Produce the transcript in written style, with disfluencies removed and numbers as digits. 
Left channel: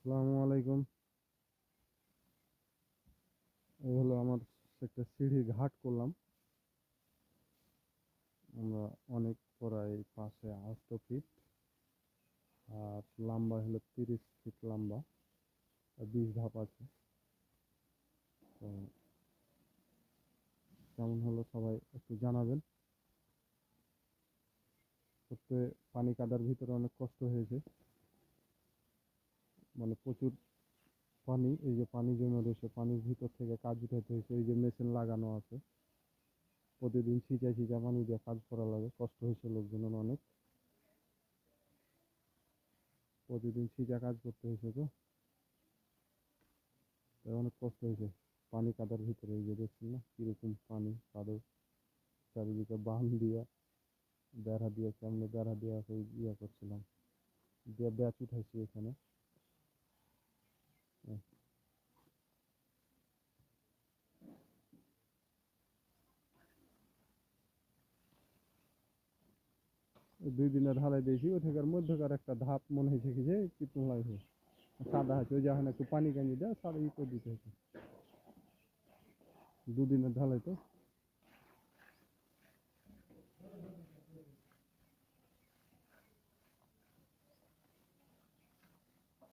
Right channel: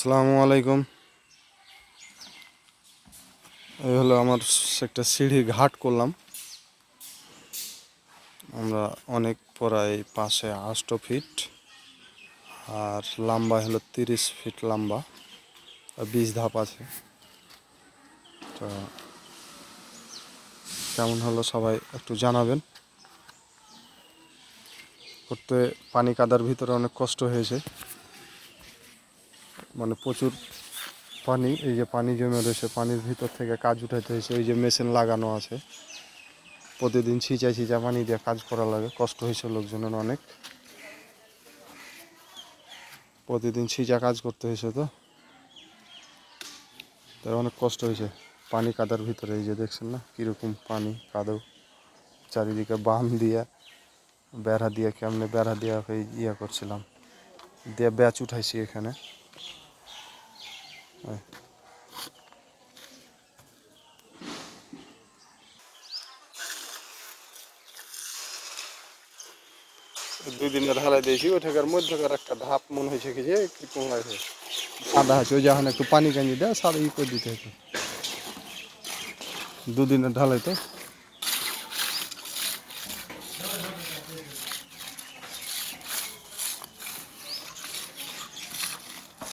আসসালামু আলাইকুম। এই হলো আমার একটা সিঁড়ি ঘাট করলাম আমরা অনেক প্রায় 508 ফিট আর লম্বা হলো 30 ফিট লম্বা আর 20 ধাপ আছে। তো কেমন হলো সবাই একটু জানাবেন। করতে পানি কাদার ভিতরে অনেক কষ্ট হয়েছে, মানে প্রচুর পানি, এই যে পানি জমে রয়েছে, পানির ভিতর থেকে কাজ উঠাইতে হয়েছে। এই যে মেশিন লাগানো আছে, প্রতিদিন ছিঁচা পানি দিয়ে কাজ করা লাগে। কষ্ট হয়েছে লোকজনের অনেক, প্রতিদিন ছিঁচা কাজ করতে হয়েছে। তো তাই অনেক কষ্ট হয়েছে পানি কাদার ভিতরে। এই যে দেখছেন না কীরকম পানি কাদো, চারিদিকে বাম দিয়ে বেড়া দিয়ে, কেমনে বেড়া দিয়ে ইয়ে করছিলাম, দিয়ে ব্যাচ উঠাইছি এখানে। দুই দিনে ঢালাই দিয়েছি, ওইটাকার মধ্যকার একটা ধাপ মনে হয়েছে কি যে কি পোঙাইছে সাদা আছে, ওই যখন একটু পানি কাঞ্জি দেয় সাদা ই করে দিতে হতো। দুদিনের ঢালাই তো।